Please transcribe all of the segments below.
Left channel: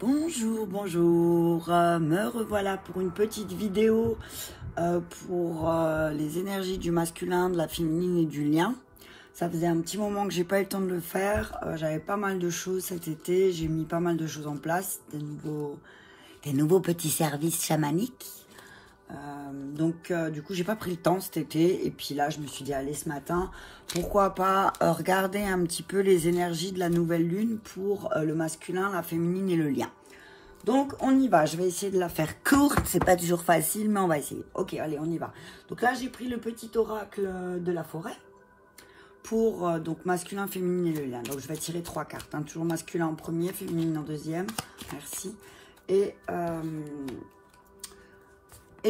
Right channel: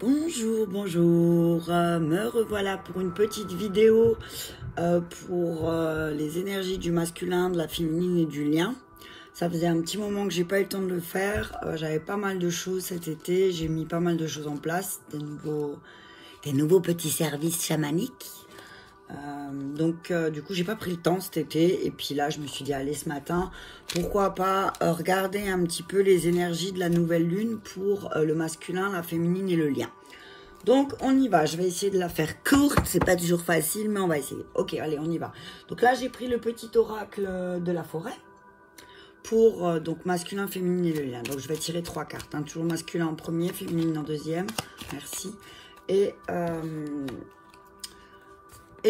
Bonjour, bonjour, me revoilà pour une petite vidéo pour les énergies du masculin, de la féminine et du lien. Ça faisait un petit moment que j'ai pas eu le temps de le faire, j'avais pas mal de choses cet été, j'ai mis pas mal de choses en place, des nouveaux petits services chamaniques. Du coup j'ai pas pris le temps cet été et puis là je me suis dit allez ce matin pourquoi pas regarder un petit peu les énergies de la nouvelle lune pour le masculin, la féminine et le lien. Donc on y va, je vais essayer de la faire courte, c'est pas toujours facile mais on va essayer. Ok, allez on y va. Donc là j'ai pris le petit oracle de la forêt pour donc masculin, féminine et le lien. Donc je vais tirer 3 cartes, hein. Toujours masculin en premier, féminine en deuxième, merci, et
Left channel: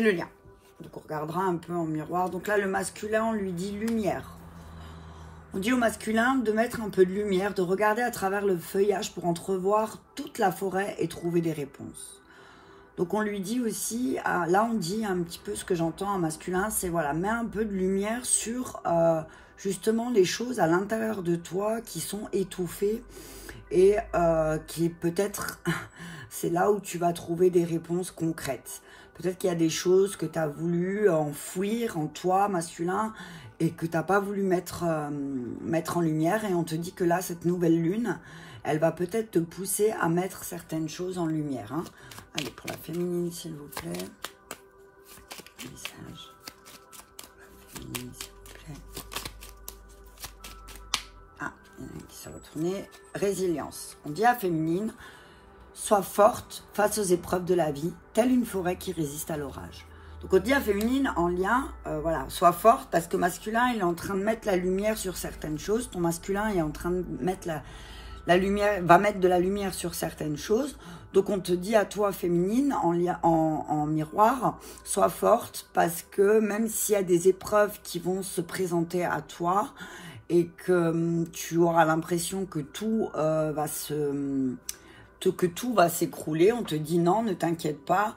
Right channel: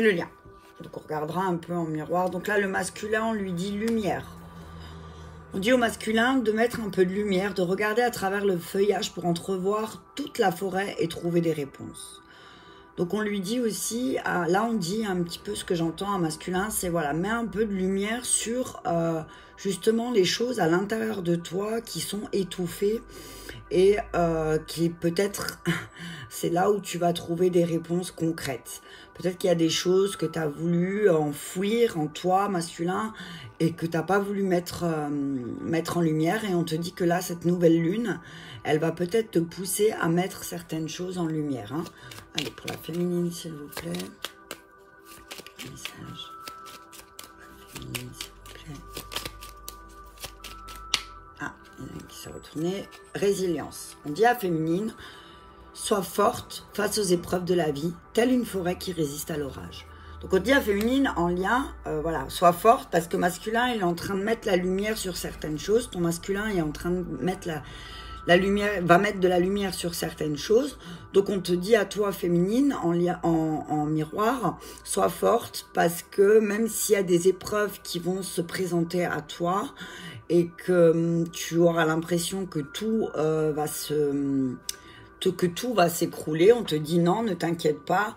le lien. Donc on regardera un peu en miroir. Donc là le masculin on lui dit lumière. On dit au masculin de mettre un peu de lumière, de regarder à travers le feuillage pour entrevoir toute la forêt et trouver des réponses. Donc on lui dit aussi, là on dit un petit peu ce que j'entends en masculin, c'est voilà, mets un peu de lumière sur justement les choses à l'intérieur de toi qui sont étouffées et qui peut-être, c'est là où tu vas trouver des réponses concrètes. Peut-être qu'il y a des choses que tu as voulu enfouir en toi, masculin, et que tu n'as pas voulu mettre en lumière. Et on te dit que là, cette nouvelle lune, elle va peut-être te pousser à mettre certaines choses en lumière. Hein. Allez, pour la féminine, s'il vous plaît. Message. Féminine, s'il vous plaît. Ah, il y en a qui s'est retourné. Résilience. On dit à féminine... Sois forte face aux épreuves de la vie, telle une forêt qui résiste à l'orage. Donc on dit à féminine en lien, voilà, sois forte parce que masculin il est en train de mettre la lumière sur certaines choses. Ton masculin est en train de mettre la lumière, va mettre de la lumière sur certaines choses. Donc on te dit à toi féminine en miroir, sois forte parce que même s'il y a des épreuves qui vont se présenter à toi et que tu auras l'impression que tout va s'écrouler, on te dit non, ne t'inquiète pas,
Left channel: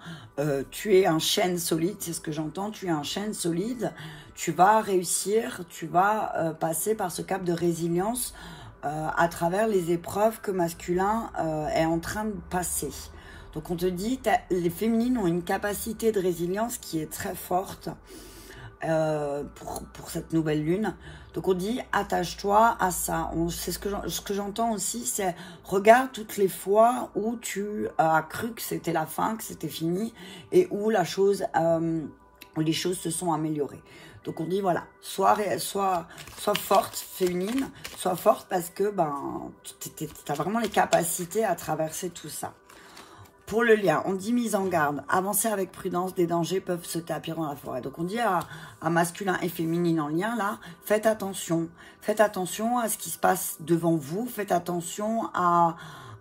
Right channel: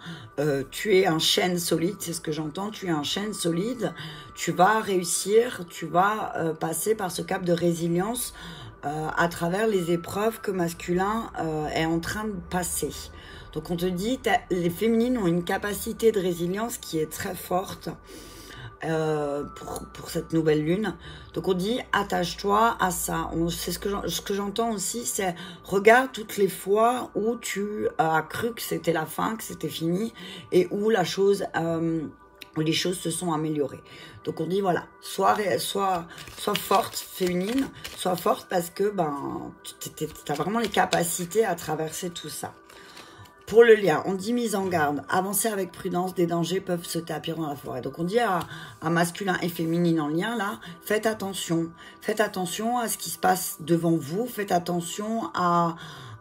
tu es un chêne solide, c'est ce que j'entends, tu es un chêne solide, tu vas réussir, tu vas passer par ce cap de résilience à travers les épreuves que masculin est en train de passer. Donc on te dit, les féminines ont une capacité de résilience qui est très forte pour cette nouvelle lune. Donc on dit attache-toi à ça. C'est ce que j'entends aussi, c'est regarde toutes les fois où tu as cru que c'était la fin, que c'était fini et où les choses se sont améliorées. Donc on dit voilà, sois forte féminine, sois forte parce que tu as vraiment les capacités à traverser tout ça. Pour le lien, on dit mise en garde, avancez avec prudence, des dangers peuvent se tapir dans la forêt. Donc on dit à masculin et féminine en lien là, faites attention à ce qui se passe devant vous, faites attention à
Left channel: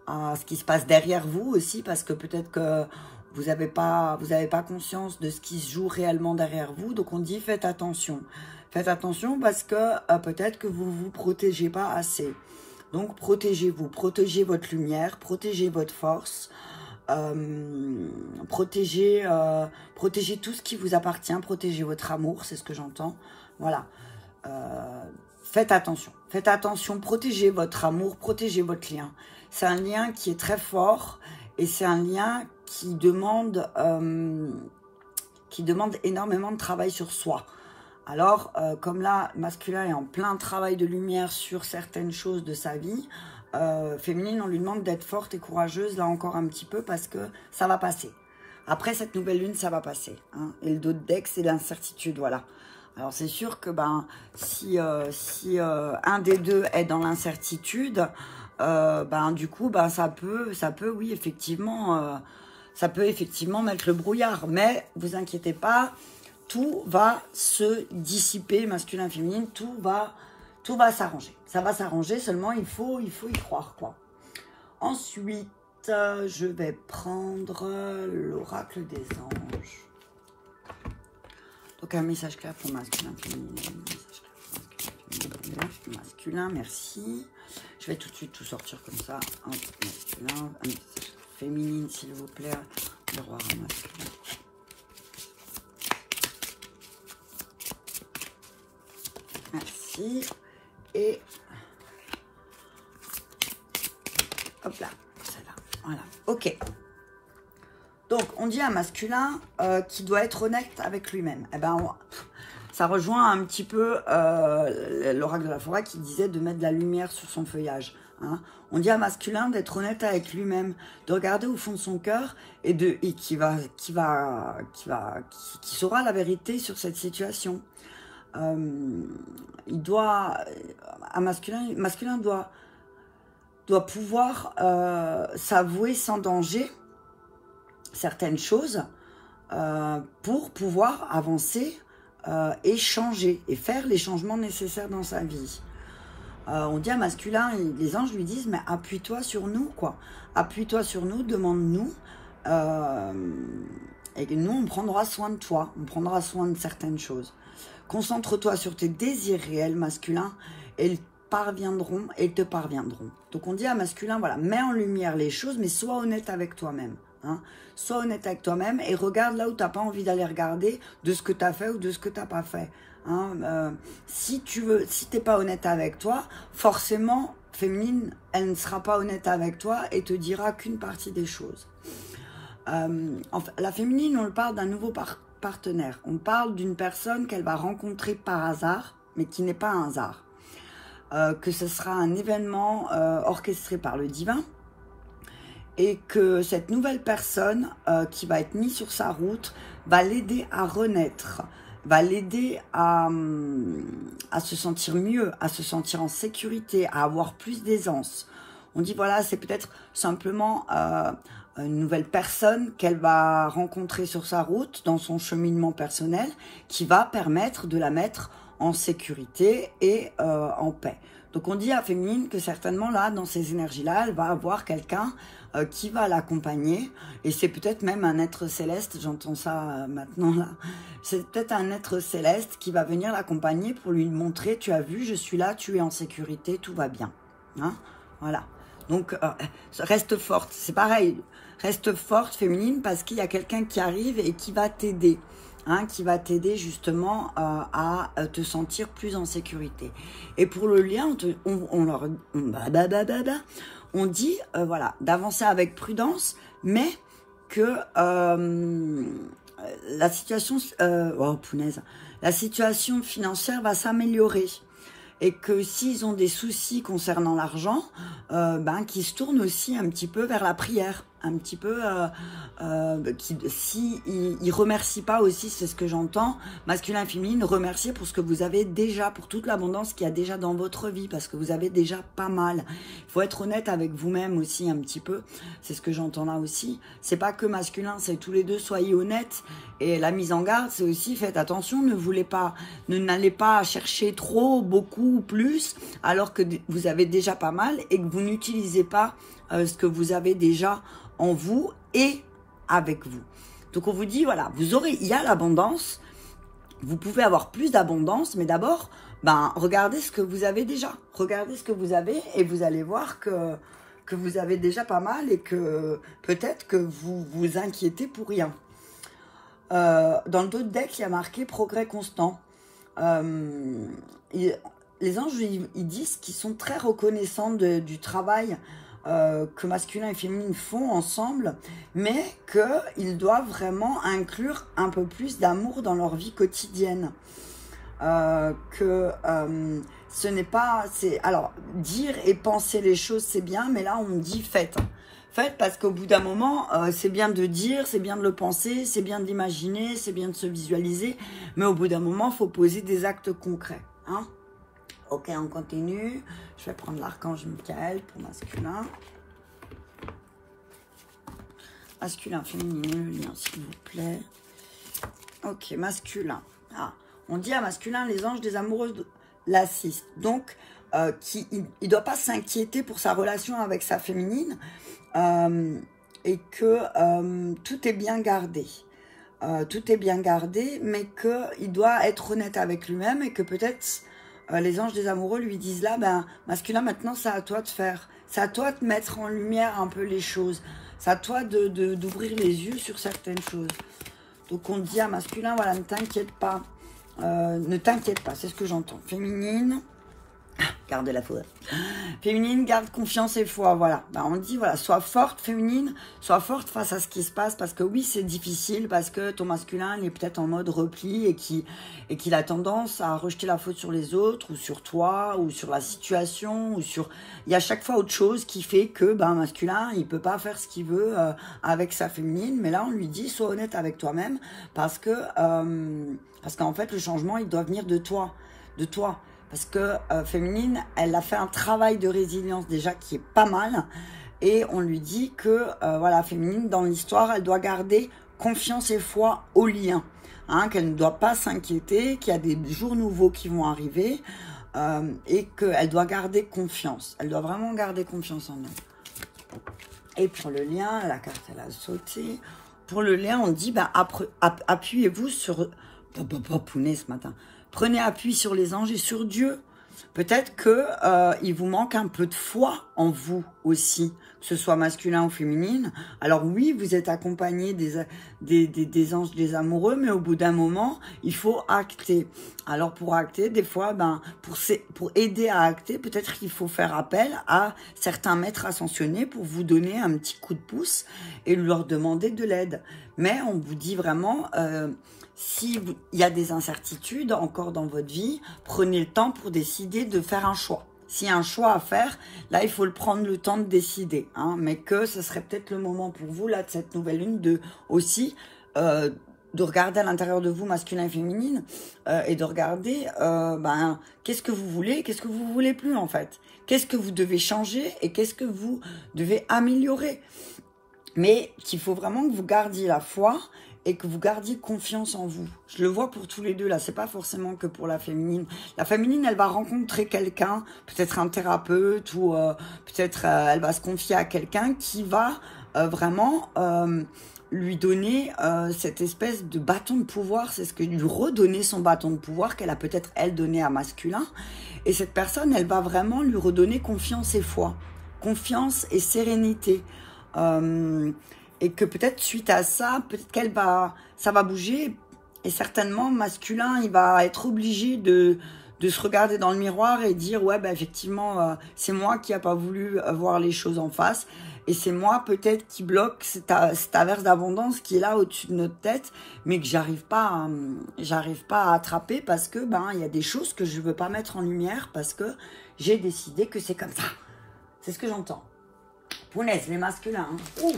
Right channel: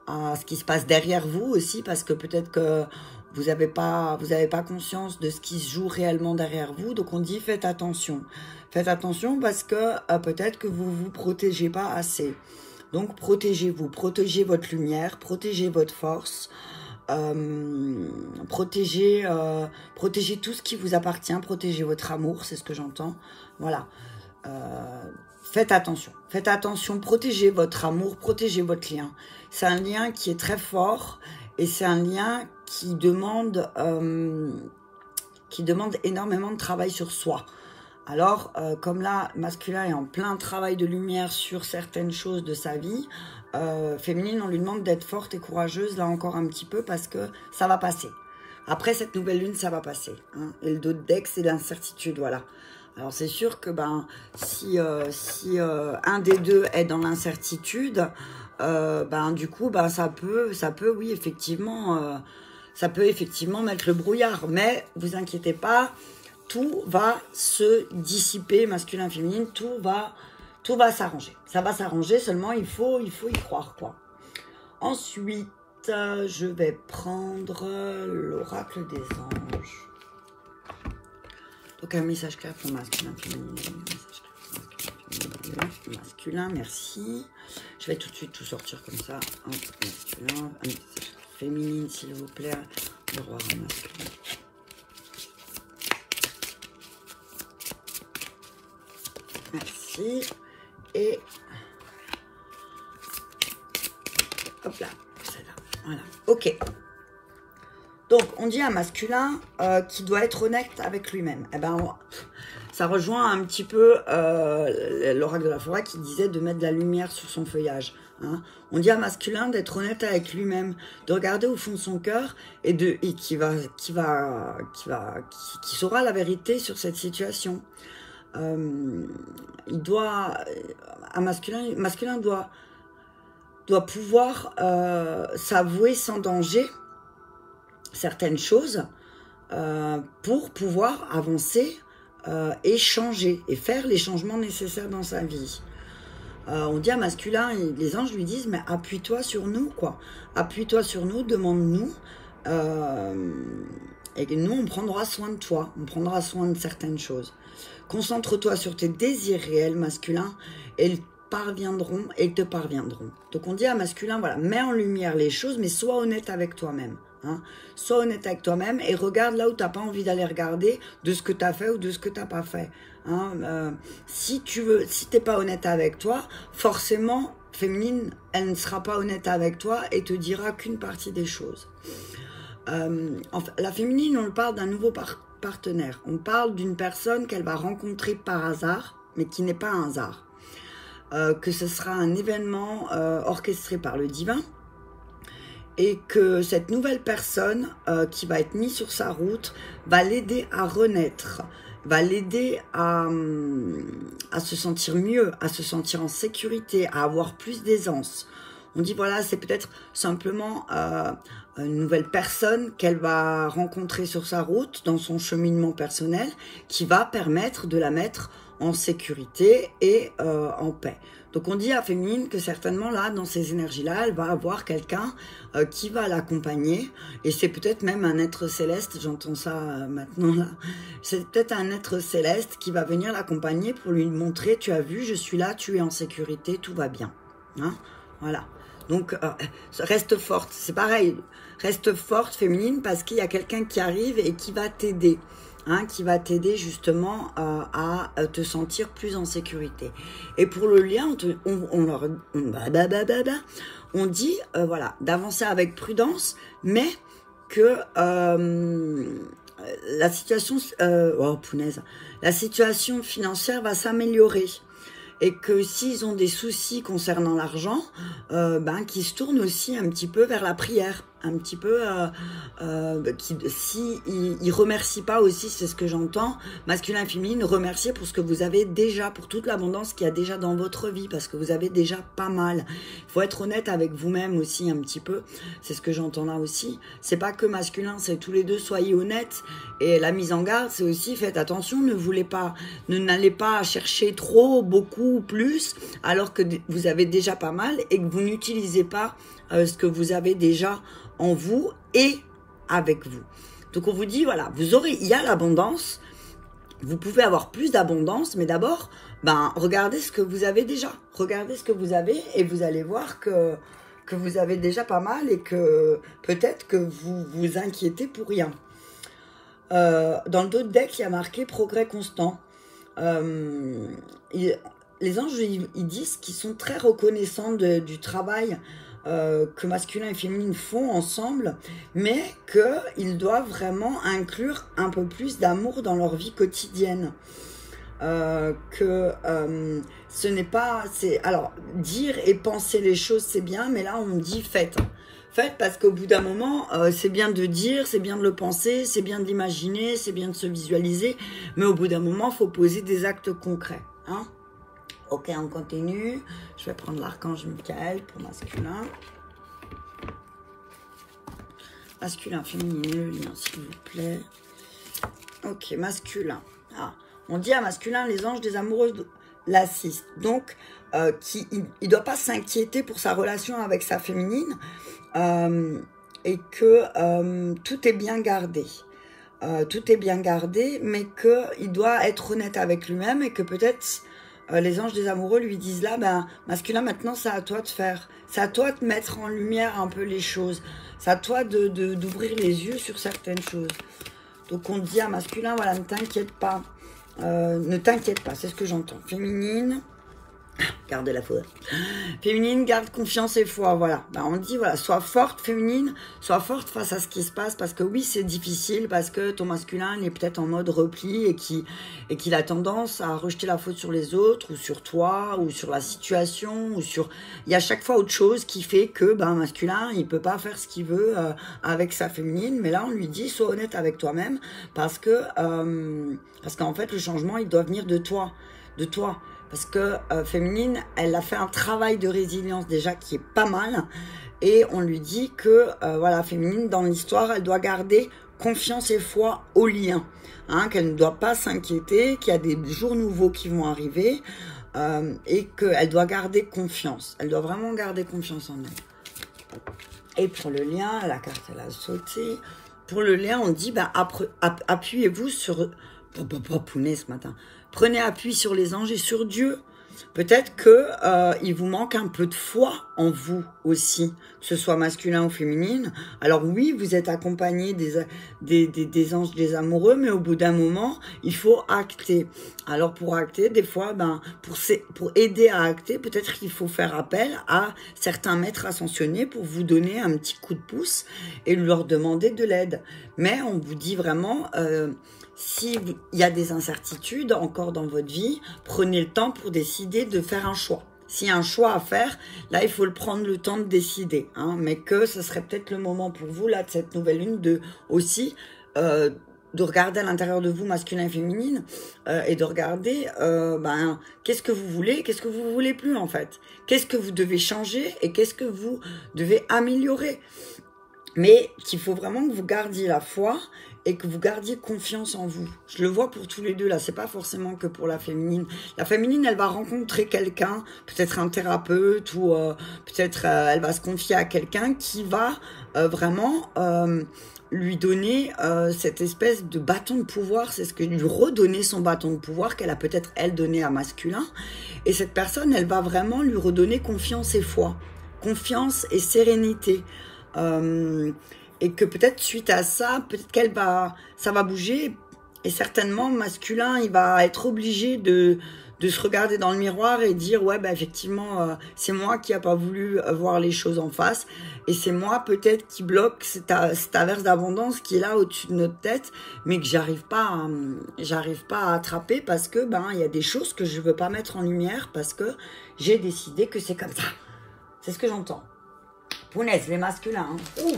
ce qui se passe derrière vous aussi, parce que peut-être que vous n'avez pas conscience de ce qui se joue réellement derrière vous. Donc on dit faites attention parce que peut-être que vous vous protégez pas assez. Donc protégez-vous, protégez votre lumière, protégez votre force. Protégez tout ce qui vous appartient, protégez votre amour, c'est ce que j'entends. Voilà, faites attention, protégez votre amour, protégez votre lien. C'est un lien qui est très fort et c'est un lien qui demande énormément de travail sur soi. Alors, comme là, masculin est en plein travail de lumière sur certaines choses de sa vie, féminine, on lui demande d'être forte et courageuse, là encore un petit peu, parce que ça va passer. Après cette nouvelle lune, ça va passer. Hein. Et le dos de deck, c'est l'incertitude, voilà. Alors, c'est sûr que si un des deux est dans l'incertitude, du coup, ça peut, oui, effectivement, ça peut effectivement mettre le brouillard. Mais vous inquiétez pas, tout va se dissiper, masculin, féminine, tout va s'arranger. Ça va s'arranger, seulement il faut y croire, quoi. Ensuite, je vais prendre l'oracle des anges. Donc, un message clair pour masculin, féminin. Masculin, merci. Je vais tout de suite tout sortir comme ça. Hop, masculin, un message féminine, s'il vous plaît. Miroir masculin. Merci. Et hop là, celle-là. Voilà, ok. Donc, on dit à masculin qui doit être honnête avec lui-même. Eh ben, ça rejoint un petit peu l'oracle de la forêt qui disait de mettre de la lumière sur son feuillage. Hein. On dit à masculin d'être honnête avec lui-même, de regarder au fond de son cœur et qui saura la vérité sur cette situation. Masculin doit pouvoir s'avouer sans danger certaines choses pour pouvoir avancer et changer et faire les changements nécessaires dans sa vie. On dit à masculin, les anges lui disent, mais appuie-toi sur nous, quoi. Appuie-toi sur nous, demande-nous. Et nous, on prendra soin de toi. On prendra soin de certaines choses. Concentre-toi sur tes désirs réels masculins et ils te parviendront. Donc on dit à masculin, voilà, mets en lumière les choses, mais sois honnête avec toi-même. Hein. Sois honnête avec toi-même et regarde là où tu n'as pas envie d'aller regarder de ce que tu as fait ou de ce que tu n'as pas fait. Hein. Si tu n'es pas honnête avec toi, forcément, féminine, elle ne sera pas honnête avec toi et te dira qu'une partie des choses. La féminine, on parle d'un nouveau partenaire. On parle d'une personne qu'elle va rencontrer par hasard, mais qui n'est pas un hasard. Que ce sera un événement orchestré par le divin et que cette nouvelle personne qui va être mise sur sa route va l'aider à renaître, va l'aider à se sentir mieux, à se sentir en sécurité, à avoir plus d'aisance. On dit voilà, c'est peut-être simplement une nouvelle personne qu'elle va rencontrer sur sa route, dans son cheminement personnel, qui va permettre de la mettre en sécurité et en paix. Donc on dit à féminine que certainement là, dans ces énergies-là, elle va avoir quelqu'un qui va l'accompagner. Et c'est peut-être même un être céleste, j'entends ça maintenant là. C'est peut-être un être céleste qui va venir l'accompagner pour lui montrer, tu as vu, je suis là, tu es en sécurité, tout va bien. Hein, voilà. Donc reste forte, c'est pareil, reste forte féminine parce qu'il y a quelqu'un qui arrive et qui va t'aider. Hein, qui va t'aider justement à te sentir plus en sécurité. Et pour le lien, on dit voilà, d'avancer avec prudence, mais que la situation financière va s'améliorer. Et que s'ils ont des soucis concernant l'argent, qu'ils se tournent aussi un petit peu vers la prière. Un petit peu, si ils remercient pas aussi, c'est ce que j'entends, masculin et féminine, remercier pour ce que vous avez déjà, pour toute l'abondance qu'il y a déjà dans votre vie, parce que vous avez déjà pas mal. Il faut être honnête avec vous-même aussi un petit peu, c'est ce que j'entends là aussi. C'est pas que masculin, c'est tous les deux, soyez honnêtes. Et la mise en garde, c'est aussi, faites attention, n'allez pas chercher trop, beaucoup, plus, alors que vous avez déjà pas mal et que vous n'utilisez pas ce que vous avez déjà en vous et avec vous. Donc on vous dit, voilà, il y a l'abondance, vous pouvez avoir plus d'abondance, mais d'abord, regardez ce que vous avez déjà. Regardez ce que vous avez et vous allez voir que vous avez déjà pas mal et que peut-être que vous vous inquiétez pour rien. Dans le dos de deck, il y a marqué progrès constant. Les anges, ils disent qu'ils sont très reconnaissants du travail que masculin et féminine font ensemble, mais qu'ils doivent vraiment inclure un peu plus d'amour dans leur vie quotidienne. Ce n'est pas... Alors, dire et penser les choses, c'est bien, mais là, on dit faites. Faites parce qu'au bout d'un moment, c'est bien de dire, c'est bien de le penser, c'est bien d'imaginer, c'est bien de se visualiser, mais au bout d'un moment, il faut poser des actes concrets. Hein? Ok, on continue. Je vais prendre l'archange Michael pour masculin. Masculin, féminin, le lien, s'il vous plaît. Ok, masculin. Ah, on dit à masculin, les anges des amoureuses l'assistent. Donc, il ne doit pas s'inquiéter pour sa relation avec sa féminine et que tout est bien gardé. Tout est bien gardé, mais qu'il doit être honnête avec lui-même et que peut-être... les anges des amoureux lui disent là, masculin, maintenant, c'est à toi de faire. C'est à toi de mettre en lumière un peu les choses. C'est à toi d'ouvrir les yeux sur certaines choses. Donc, on dit à masculin, voilà, ne t'inquiète pas. Ne t'inquiète pas, c'est ce que j'entends. Féminine, Garde la foi. Féminine, garde confiance et foi, voilà. Ben, on dit, voilà, sois forte, féminine, sois forte face à ce qui se passe, parce que oui, c'est difficile, parce que ton masculin, il est peut-être en mode repli et qu'il a tendance à rejeter la faute sur les autres, ou sur toi, ou sur la situation, ou sur... Il y a chaque fois autre chose qui fait que, ben, masculin, il peut pas faire ce qu'il veut avec sa féminine, mais là, on lui dit, sois honnête avec toi-même, parce qu'en fait, le changement, il doit venir de toi, Parce que féminine, elle a fait un travail de résilience déjà qui est pas mal. Et on lui dit que, voilà, féminine, dans l'histoire, elle doit garder confiance et foi au lien. Hein, qu'elle ne doit pas s'inquiéter, qu'il y a des jours nouveaux qui vont arriver. Et qu'elle doit garder confiance. Elle doit vraiment garder confiance en elle. Et pour le lien, la carte, elle a sauté. Pour le lien, on dit, bah, appuyez-vous sur... Pounet ce matin. Prenez appui sur les anges et sur Dieu. Peut-être que il vous manque un peu de foi en vous aussi, que ce soit masculin ou féminine. Alors oui, vous êtes accompagné des anges, des amoureux, mais au bout d'un moment, il faut acter. Alors pour acter, des fois, ben, pour aider à acter, peut-être qu'il faut faire appel à certains maîtres ascensionnés pour vous donner un petit coup de pouce et leur demander de l'aide. Mais on vous dit vraiment... s'il y a des incertitudes encore dans votre vie, prenez le temps pour décider de faire un choix. S'il y a un choix à faire, là, il faut le prendre le temps de décider. Hein, mais que ce serait peut-être le moment pour vous, là, de cette nouvelle lune, de regarder à l'intérieur de vous, masculin et féminine, et de regarder, ben, qu'est-ce que vous voulez, qu'est-ce que vous voulez plus, en fait. Qu'est-ce que vous devez changer et qu'est-ce que vous devez améliorer. Mais qu'il faut vraiment que vous gardiez la foi et que vous gardiez confiance en vous. Je le vois pour tous les deux, là, c'est pas forcément que pour la féminine. La féminine, elle va rencontrer quelqu'un, peut-être un thérapeute, ou peut-être elle va se confier à quelqu'un qui va vraiment lui donner cette espèce de bâton de pouvoir. C'est ce que lui redonner son bâton de pouvoir qu'elle a peut-être, elle, donné à masculin. Et cette personne, elle va vraiment lui redonner confiance et foi. Confiance et sérénité. Et que peut-être suite à ça, peut-être ça va bouger. Et certainement, masculin, il va être obligé de se regarder dans le miroir et dire, ouais, ben effectivement, c'est moi qui n'ai pas voulu voir les choses en face. Et c'est moi peut-être qui bloque cette averse d'abondance qui est là au-dessus de notre tête, mais que j'arrive pas à attraper parce que, ben, il y a des choses que je veux pas mettre en lumière parce que j'ai décidé que c'est comme ça. C'est ce que j'entends. Punaise, les masculins, hein. Ouh,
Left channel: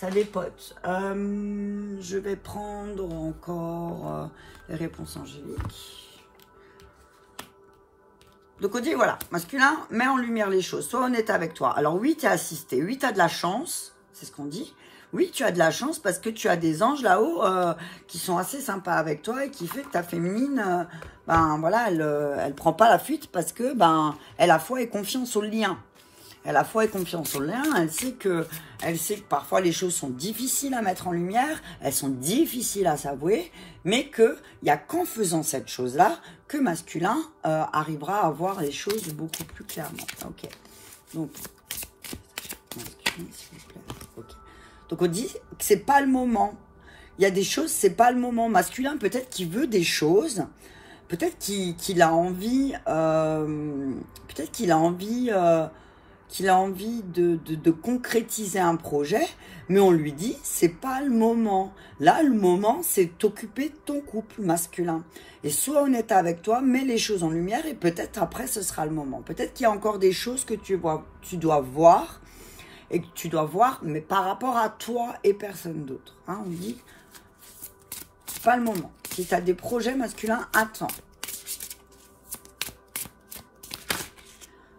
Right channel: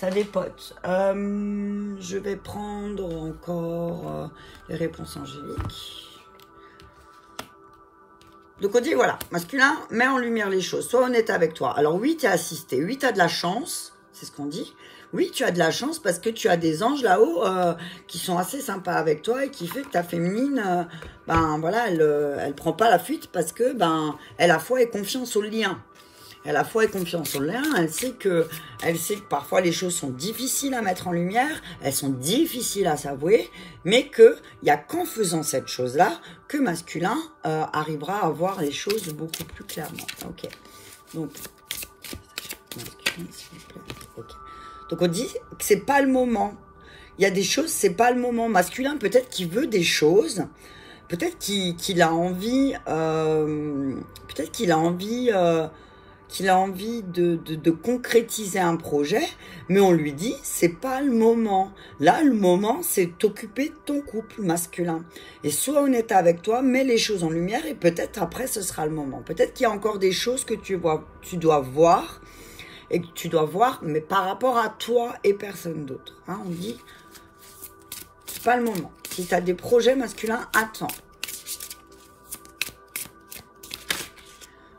ça dépote. Je vais prendre encore les réponses angéliques. Donc on dit, voilà, masculin, mets en lumière les choses, sois honnête avec toi. Alors oui, tu es assisté, oui, tu as de la chance, c'est ce qu'on dit. Oui, tu as de la chance parce que tu as des anges là-haut qui sont assez sympas avec toi et qui fait que ta féminine, ben voilà, elle prend pas la fuite parce que, ben, elle a foi et confiance au lien. Elle a foi et confiance au lien, elle sait que parfois les choses sont difficiles à mettre en lumière, elles sont difficiles à s'avouer, mais qu'il n'y a qu'en faisant cette chose-là que masculin arrivera à voir les choses beaucoup plus clairement. Ok. Donc, masculin, s'il vous plaît. Ok. Donc on dit que c'est pas le moment. Il y a des choses, c'est pas le moment. Masculin, peut-être qu'il veut des choses, peut-être qu'il a envie, qu'il a envie de concrétiser un projet, mais on lui dit, c'est pas le moment. Là, le moment, c'est t'occuper de ton couple masculin. Et sois honnête avec toi, mets les choses en lumière et peut-être après, ce sera le moment. Peut-être qu'il y a encore des choses que tu dois voir, et que tu dois voir, mais par rapport à toi et personne d'autre. Hein, on dit, c'est pas le moment. Si tu as des projets masculins, attends.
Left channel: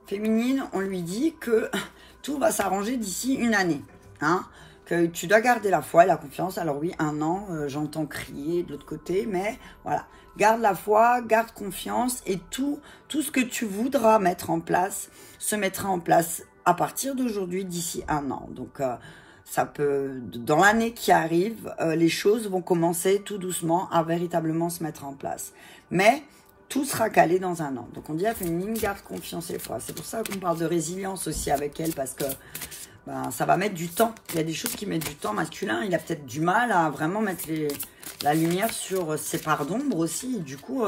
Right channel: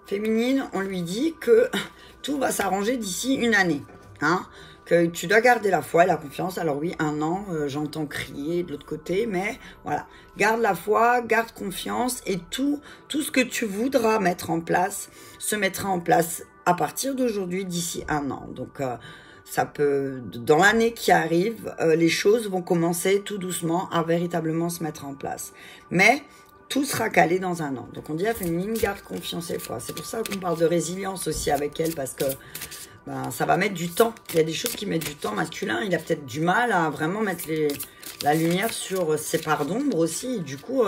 Féminine, on lui dit que tout va s'arranger d'ici une année. Hein, que tu dois garder la foi et la confiance. Alors oui, 1 an, j'entends crier de l'autre côté, mais voilà. Garde la foi, garde confiance et tout ce que tu voudras mettre en place se mettra en place à partir d'aujourd'hui d'ici 1 an. Donc, ça peut, dans l'année qui arrive, les choses vont commencer tout doucement à véritablement se mettre en place. Mais tout sera calé dans 1 an. Donc on dit à féminine, garde confiance et foi. C'est pour ça qu'on parle de résilience aussi avec elle, parce que ben, ça va mettre du temps. Il y a des choses qui mettent du temps. Masculin, il a peut-être du mal à vraiment mettre la lumière sur ses parts d'ombre aussi. Et du coup,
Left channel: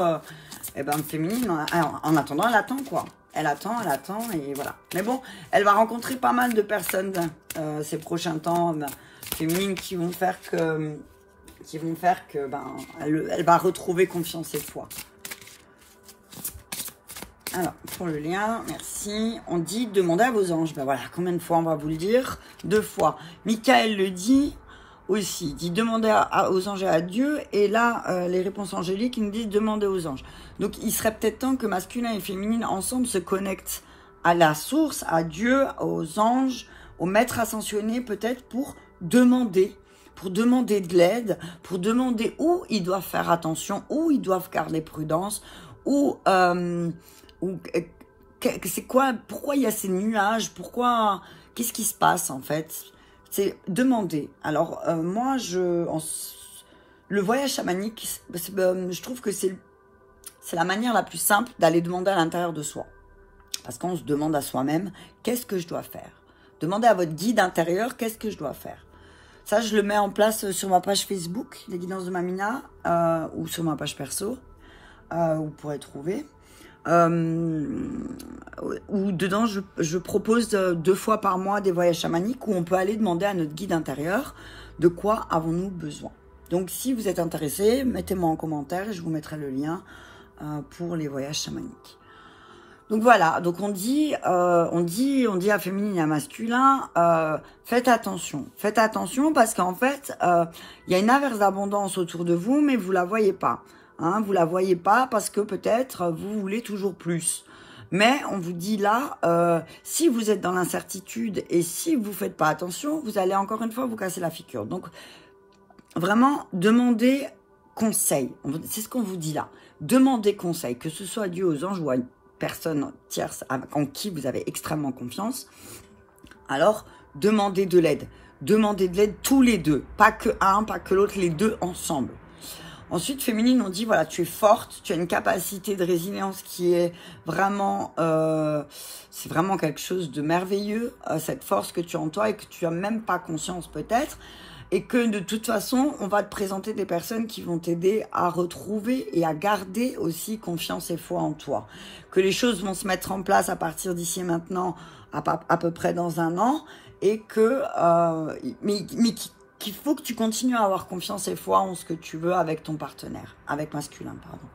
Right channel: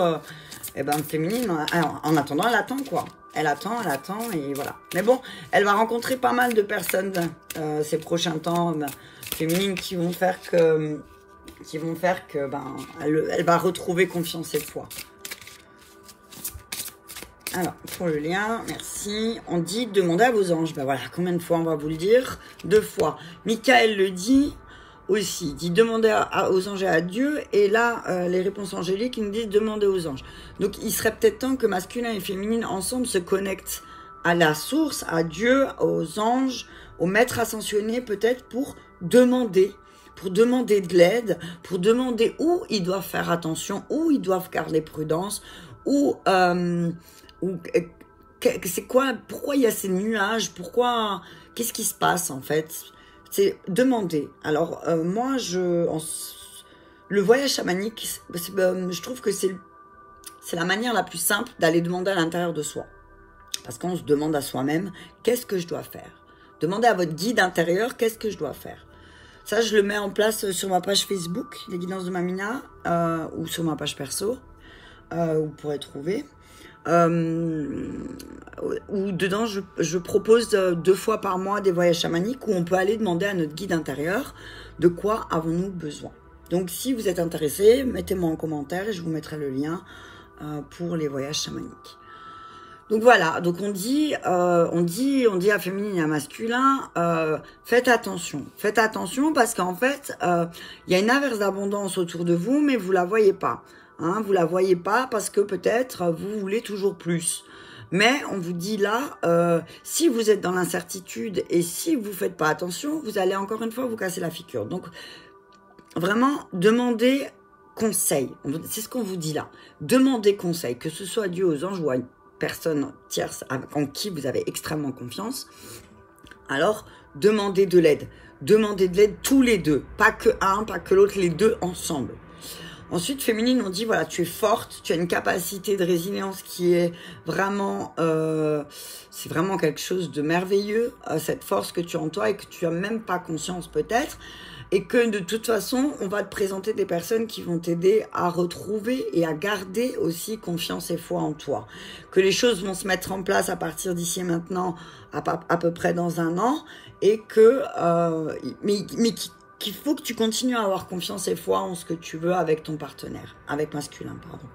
eh ben, féminine, alors, en attendant, elle attend quoi. elle attend, et voilà. Mais bon, elle va rencontrer pas mal de personnes ces prochains temps féminines qui vont faire que ben, elle va retrouver confiance et foi. Alors, pour le lien, merci. On dit, demandez à vos anges. Ben voilà, combien de fois on va vous le dire? 2 fois. Michael le dit aussi. Il dit, demandez aux anges et à Dieu. Et là, les réponses angéliques, ils nous disent, demandez aux anges. Donc, il serait peut-être temps que masculin et féminine, ensemble, se connectent à la source, à Dieu, aux anges, au maître ascensionné, peut-être pour demander de l'aide, pour demander où ils doivent faire attention, où ils doivent garder prudence, c'est quoi, pourquoi il y a ces nuages, qu'est-ce qui se passe en fait? C'est demander. Alors moi, le voyage chamanique, je trouve que c'est la manière la plus simple d'aller demander à l'intérieur de soi. Parce qu'on se demande à soi-même, qu'est-ce que je dois faire? Demandez à votre guide intérieur, qu'est-ce que je dois faire? Ça, je le mets en place sur ma page Facebook, les guidances de Mamina, ou sur ma page perso, où vous pourrez trouver. Où dedans, je propose 2 fois par mois des voyages chamaniques où on peut aller demander à notre guide intérieur de quoi avons-nous besoin. Donc, si vous êtes intéressé, mettez-moi en commentaire et je vous mettrai le lien pour les voyages chamaniques. Donc voilà, donc on dit à féminin et à masculin, faites attention parce qu'en fait, il y a une averse d'abondance autour de vous, mais vous la voyez pas. Hein, vous la voyez pas parce que peut-être vous voulez toujours plus. Mais on vous dit là, si vous êtes dans l'incertitude et si vous faites pas attention, vous allez encore une fois vous casser la figure. Donc vraiment, demandez conseil. C'est ce qu'on vous dit là. Demandez conseil, que ce soit à Dieu, aux anges ou à une personne tierce en qui vous avez extrêmement confiance. Alors, demandez de l'aide. Demandez de l'aide tous les deux. Pas que un, pas que l'autre, les deux ensemble. Ensuite, féminine, on dit, voilà, tu es forte, tu as une capacité de résilience qui est vraiment, c'est vraiment quelque chose de merveilleux, cette force que tu as en toi et que tu n'as même pas conscience peut-être. Et que de toute façon, on va te présenter des personnes qui vont t'aider à retrouver et à garder aussi confiance et foi en toi. Que les choses vont se mettre en place à partir d'ici et maintenant, à peu près dans 1 an, et que, qu'il faut que tu continues à avoir confiance et foi en ce que tu veux avec ton partenaire, avec masculin, pardon.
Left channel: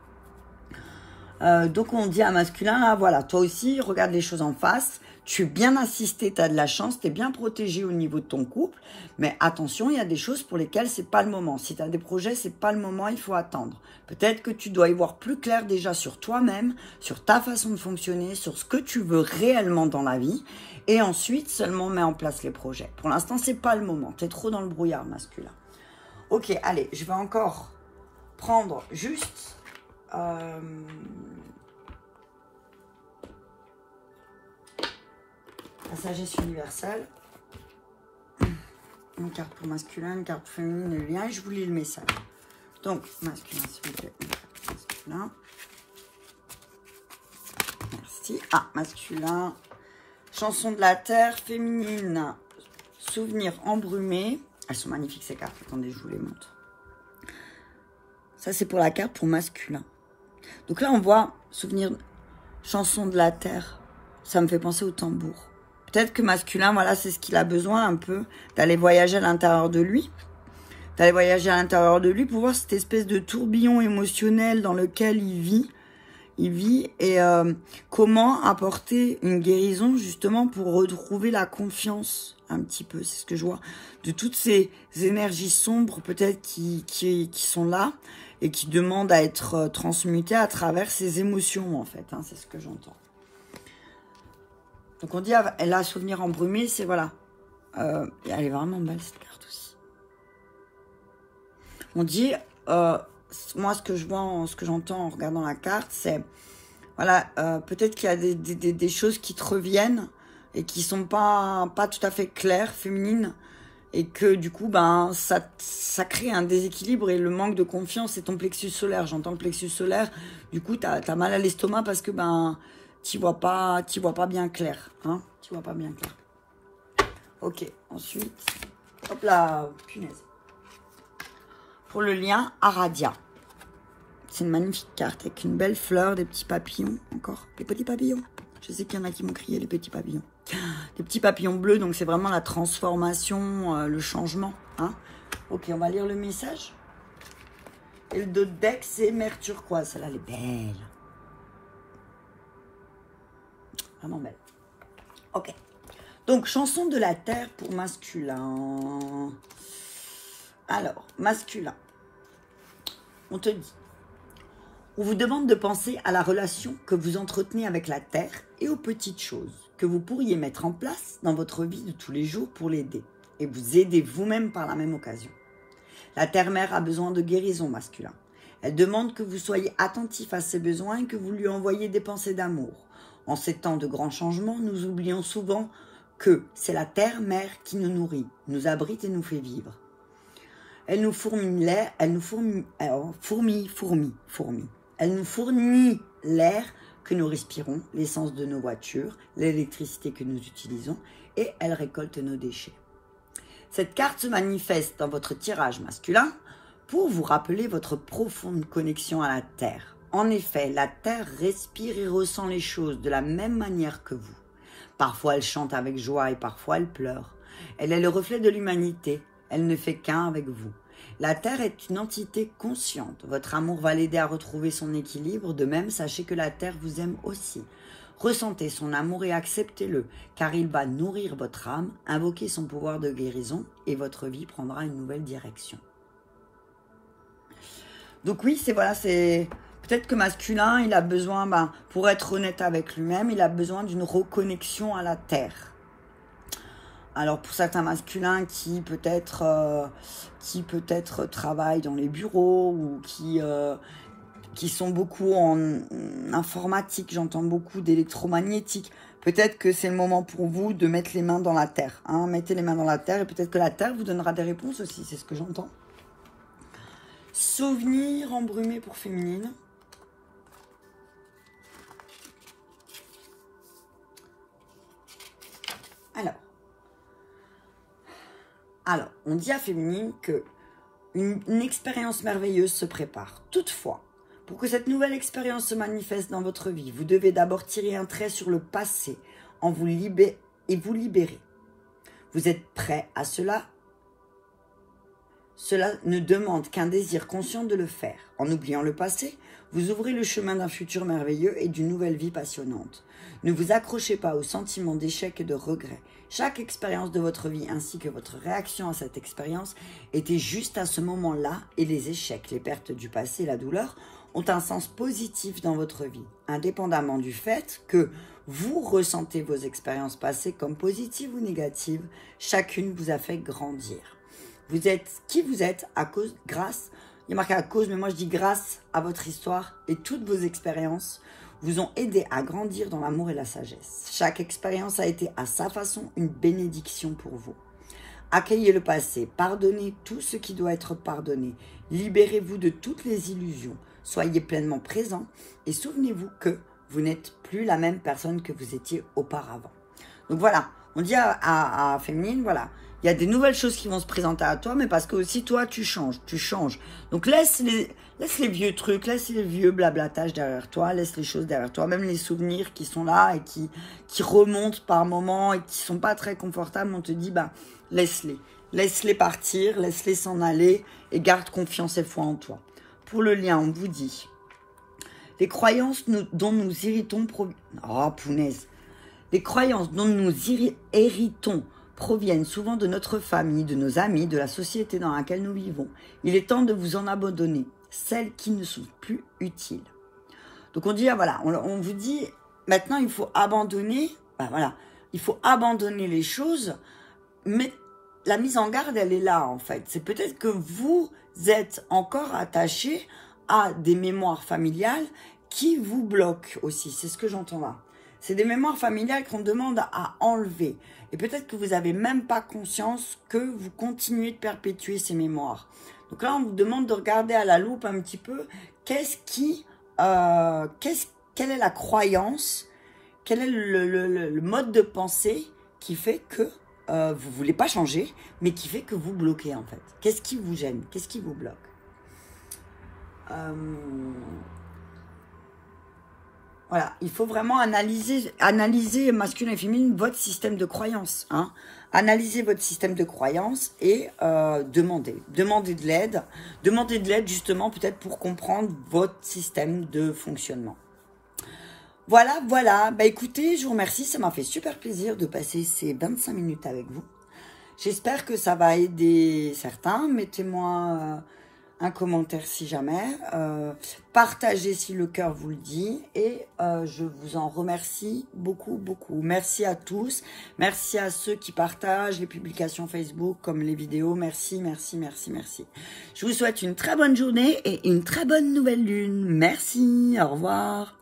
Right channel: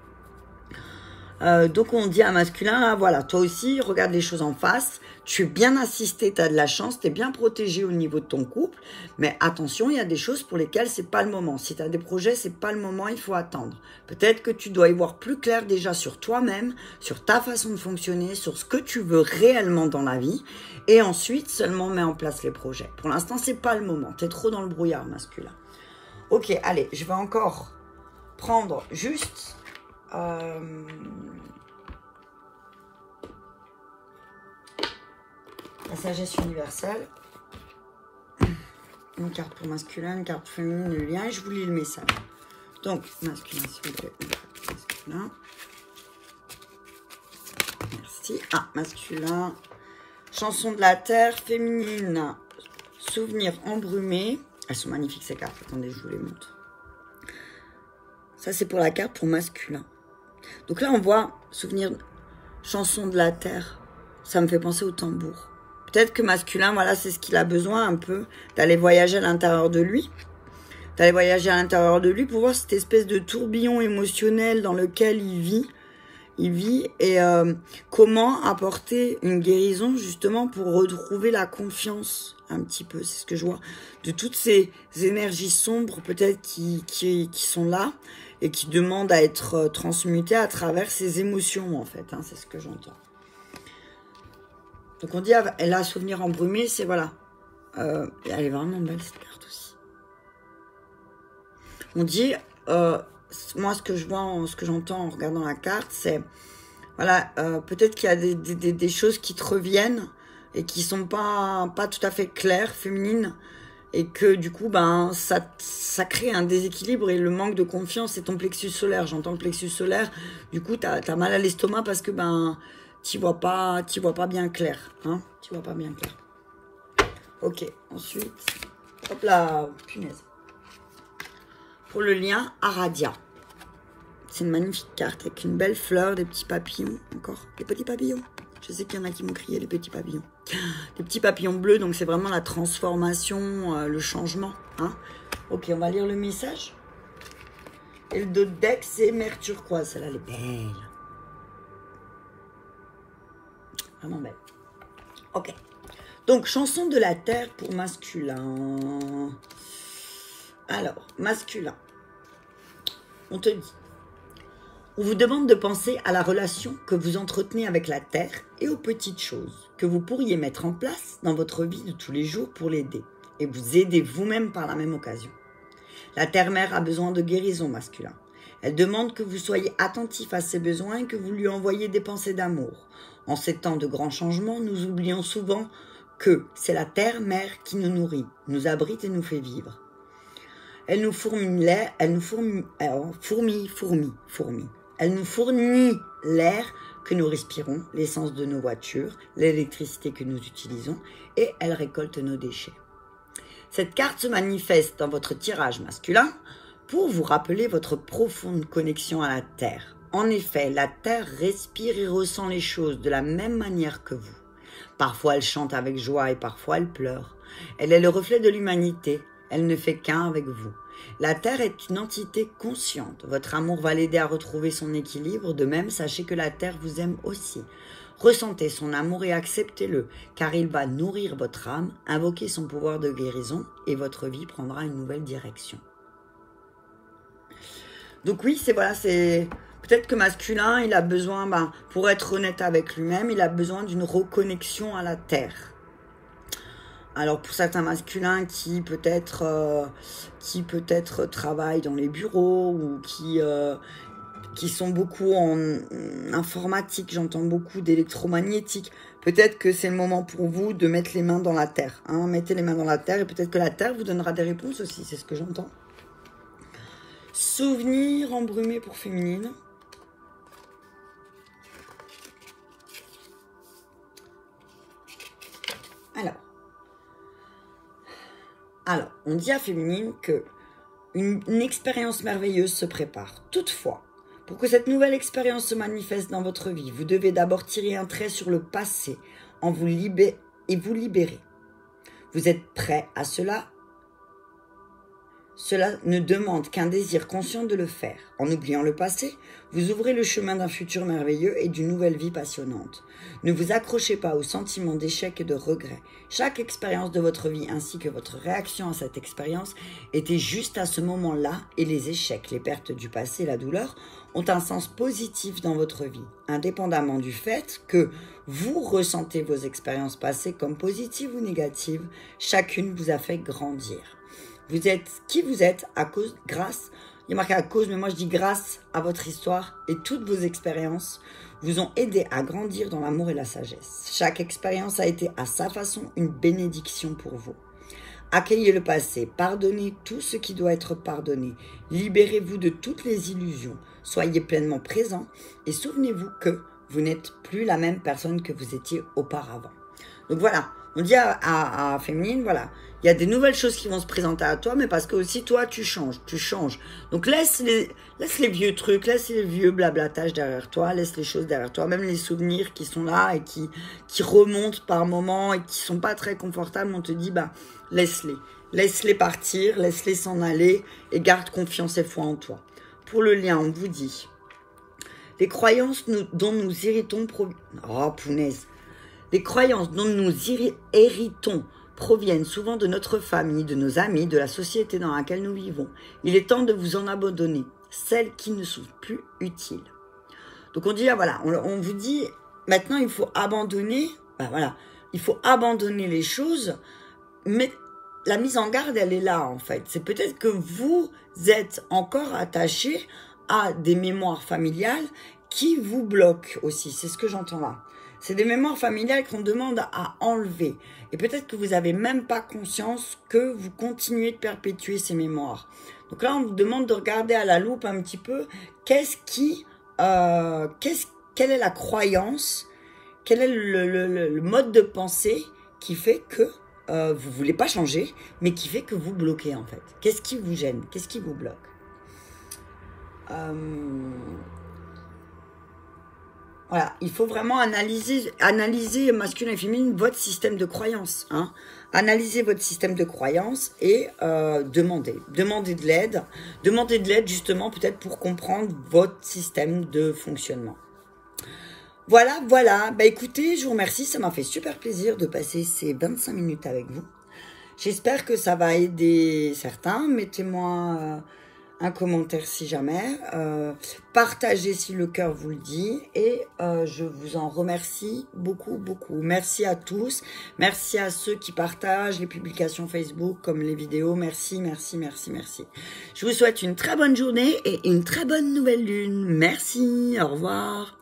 Donc on dit à masculin, là, voilà, toi aussi, regarde les choses en face. Tu es bien assisté, tu as de la chance, tu es bien protégé au niveau de ton couple. Mais attention, il y a des choses pour lesquelles c'est pas le moment. Si tu as des projets, c'est pas le moment, il faut attendre. Peut-être que tu dois y voir plus clair déjà sur toi-même, sur ta façon de fonctionner, sur ce que tu veux réellement dans la vie. Et ensuite, seulement mets en place les projets. Pour l'instant, c'est pas le moment. Tu es trop dans le brouillard masculin. Ok, allez, je vais encore prendre juste... la sagesse universelle, une carte pour masculin, une carte pour féminin, le lien, et je vous lis le message. Donc, masculin, s'il vous plaît, masculin. Merci. Ah, masculin, chanson de la terre, féminine, souvenir embrumé. Elles sont magnifiques ces cartes, attendez, je vous les montre. Ça, c'est pour la carte pour masculin. Donc là, on voit souvenir, chanson de la terre. Ça me fait penser au tambour. Peut-être que masculin, voilà, c'est ce qu'il a besoin un peu, d'aller voyager à l'intérieur de lui. D'aller voyager à l'intérieur de lui pour voir cette espèce de tourbillon émotionnel dans lequel il vit. Et comment apporter une guérison justement pour retrouver la confiance un petit peu. C'est ce que je vois. De toutes ces énergies sombres peut-être qui sont là et qui demandent à être transmutées à travers ces émotions en fait. Hein, c'est ce que j'entends. Donc on dit, elle a un souvenir embrumé, c'est voilà. Elle est vraiment belle cette carte aussi. On dit, moi ce que je vois, ce que j'entends en regardant la carte, c'est, voilà, peut-être qu'il y a des choses qui te reviennent et qui sont pas tout à fait claires, féminines, et que du coup, ben, ça crée un déséquilibre et le manque de confiance, c'est ton plexus solaire. J'entends le plexus solaire, du coup, t'as mal à l'estomac parce que, ben, tu vois pas bien clair, hein, tu vois pas bien clair. Ok, ensuite, hop là, punaise. Pour le lien Aradia, c'est une magnifique carte avec une belle fleur, des petits papillons, encore des petits papillons. Je sais qu'il y en a qui m'ont crié les petits papillons. Les petits papillons bleus, donc c'est vraiment la transformation, le changement. Hein. Ok, on va lire le message. Et le dos de deck, c'est mer turquoise. Celle-là, elle est belle. Vraiment belle. Ok. Donc, chanson de la terre pour masculin. Alors, masculin. On te dit. On vous demande de penser à la relation que vous entretenez avec la terre et aux petites choses que vous pourriez mettre en place dans votre vie de tous les jours pour l'aider et vous aider vous-même par la même occasion. La terre-mère a besoin de guérison masculin. Elle demande que vous soyez attentif à ses besoins et que vous lui envoyiez des pensées d'amour. En ces temps de grands changements, nous oublions souvent que c'est la terre-mère qui nous nourrit, nous abrite et nous fait vivre. Elle nous fournit l'air que nous respirons, l'essence de nos voitures, l'électricité que nous utilisons et elle récolte nos déchets. Cette carte se manifeste dans votre tirage masculin pour vous rappeler votre profonde connexion à la Terre. En effet, la Terre respire et ressent les choses de la même manière que vous. Parfois, elle chante avec joie et parfois, elle pleure. Elle est le reflet de l'humanité. Elle ne fait qu'un avec vous. La Terre est une entité consciente. Votre amour va l'aider à retrouver son équilibre. De même, sachez que la Terre vous aime aussi. Ressentez son amour et acceptez-le, car il va nourrir votre âme, invoquer son pouvoir de guérison et votre vie prendra une nouvelle direction. Donc oui, c'est peut-être que masculin, il a besoin, pour être honnête avec lui-même, il a besoin d'une reconnexion à la terre. Alors pour certains masculins qui peut-être travaillent dans les bureaux ou qui sont beaucoup en informatique, j'entends beaucoup d'électromagnétique. Peut-être que c'est le moment pour vous de mettre les mains dans la terre. Hein. Mettez les mains dans la terre et peut-être que la terre vous donnera des réponses aussi, c'est ce que j'entends. Souvenir embrumé pour féminine. Alors, on dit à féminine que une expérience merveilleuse se prépare. Toutefois, pour que cette nouvelle expérience se manifeste dans votre vie, vous devez d'abord tirer un trait sur le passé et vous libérer. Vous êtes prêt à cela? Cela ne demande qu'un désir conscient de le faire. En oubliant le passé, vous ouvrez le chemin d'un futur merveilleux et d'une nouvelle vie passionnante. Ne vous accrochez pas aux sentiments d'échec et de regret. Chaque expérience de votre vie ainsi que votre réaction à cette expérience était juste à ce moment-là et les échecs, les pertes du passé, la douleur ont un sens positif dans votre vie, indépendamment du fait que vous ressentez vos expériences passées comme positives ou négatives, chacune vous a fait grandir. Vous êtes qui vous êtes grâce, il y a marqué à cause, mais moi je dis grâce à votre histoire et toutes vos expériences vous ont aidé à grandir dans l'amour et la sagesse. Chaque expérience a été à sa façon une bénédiction pour vous. Accueillez le passé, pardonnez tout ce qui doit être pardonné, libérez-vous de toutes les illusions, soyez pleinement présent et souvenez-vous que vous n'êtes plus la même personne que vous étiez auparavant. Donc voilà, on dit à féminine, voilà, il y a des nouvelles choses qui vont se présenter à toi, mais parce que aussi toi, tu changes. Donc laisse les vieux trucs, laisse les vieux blablatages derrière toi, laisse les choses derrière toi, même les souvenirs qui sont là et qui remontent par moments et qui sont pas très confortables, on te dit, laisse-les partir, laisse-les s'en aller et garde confiance et foi en toi. Pour le lien, on vous dit, les croyances dont nous héritons Les croyances dont nous héritons proviennent souvent de notre famille, de nos amis, de la société dans laquelle nous vivons. Il est temps de vous en abandonner, celles qui ne sont plus utiles. Donc on dit, voilà, on vous dit, maintenant il faut abandonner, il faut abandonner les choses, mais la mise en garde, elle est là en fait. C'est peut-être que vous êtes encore attaché à des mémoires familiales qui vous bloquent aussi, c'est ce que j'entends là. C'est des mémoires familiales qu'on demande à enlever. Et peut-être que vous n'avez même pas conscience que vous continuez de perpétuer ces mémoires. Donc là, on vous demande de regarder à la loupe un petit peu quelle est la croyance, quel est le mode de pensée qui fait que vous ne voulez pas changer, mais qui fait que vous bloquez en fait. Qu'est-ce qui vous gêne? Qu'est-ce qui vous bloque? Voilà, il faut vraiment analyser masculin et féminin, votre système de croyance. Hein. Analysez votre système de croyance et demandez de l'aide. Demandez de l'aide justement peut-être pour comprendre votre système de fonctionnement. Voilà, voilà. Bah écoutez, je vous remercie. Ça m'a fait super plaisir de passer ces 25 minutes avec vous. J'espère que ça va aider certains. Mettez-moi un commentaire si jamais. Partagez si le cœur vous le dit. Et je vous en remercie beaucoup, beaucoup. Merci à tous. Merci à ceux qui partagent les publications Facebook comme les vidéos. Merci, merci, merci, merci. Je vous souhaite une très bonne journée et une très bonne nouvelle lune. Merci. Au revoir.